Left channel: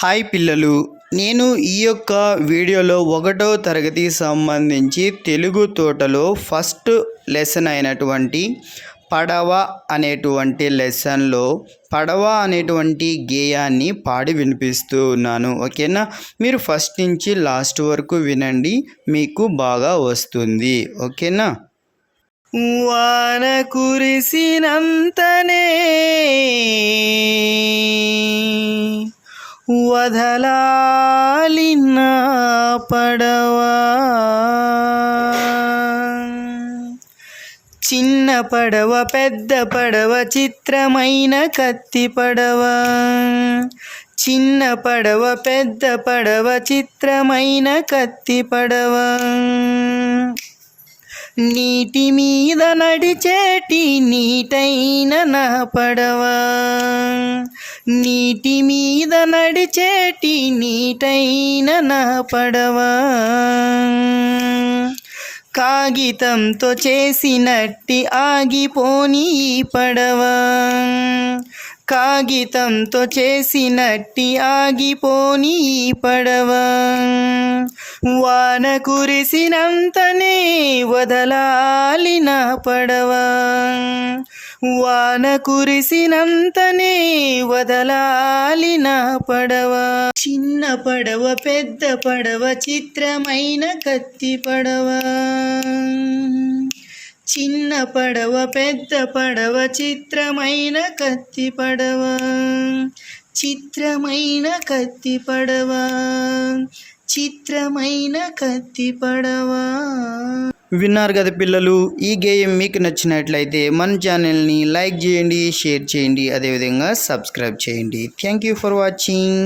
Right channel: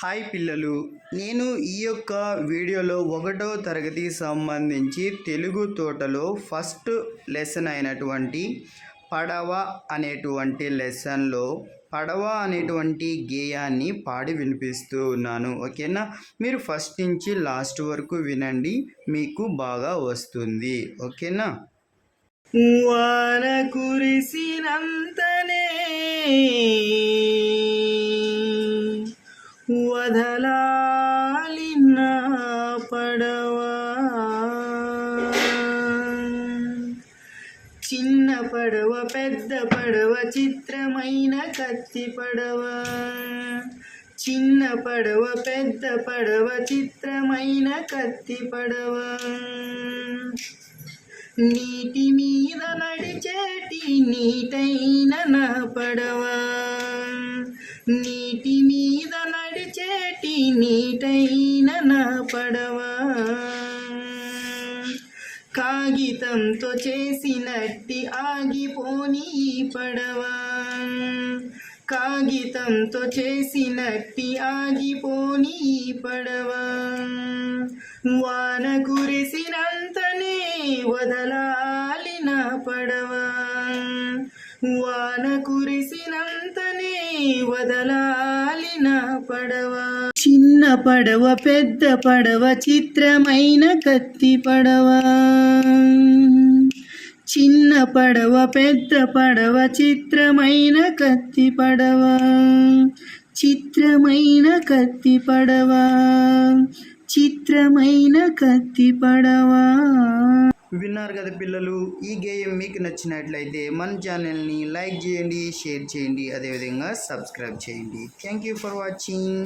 Hi పిల్లలు, నేను ఈ యొక్క వీడియోలో 1వ తరగతి సంబంధించి తెలుగు తోటలో ఫస్ట్ లెసన్ అయినటువంటి పడవ అనేటువంటి లెసన్లో పడవ అనేటువంటి గేయాన్ని పాడి వినిపిస్తూ ఉన్నాను. ఓకేనా? మీరు ఫస్ట్ నుంచి లాస్ట్ వరకు వినండి, మీకు బాగా వస్తుంది. ఓకేనా? వాన కురిసినంతనే వదలాలి నా పడవా, చిన్న పడవ పెద్ద పడవ చిత్రమైన కత్తి పడవ, చిన్న పడవ పెద్ద పడవ చిత్రమైన కత్తి పడవ, నీటి మీద నడిచేటి నీటైన నా పడవ, నీటి మీద నడిచేటి నీటైన నా పడవ, కాగితంతో చేసినట్టి ఆగిపోని పడవ, కాగితంతో చేసినట్టి ఆగిపోని పడవ, వాన కురిసినంతనే వదలాలి నా పడవ, వాన కురిసినంతనే వదలాలి నా పడవ, చిన్న పడవ పెద్ద పడవ చిత్రమైన కత్తి పడవ, చిన్న పడవ పెద్ద పడవ చిత్రమైన కత్తి పడవ, చిత్రమైన కత్తి పడవ, చిత్రమైన కత్తి పడవ. విన్నారు కదా పిల్లలు, ఈ గేయం మీకు నచ్చినట్లయితే మన ఛానల్ని లైక్ చేయండి, షేర్ చేయండి, అదేవిధంగా సబ్స్క్రైబ్ చేయండి. Thank you for watching.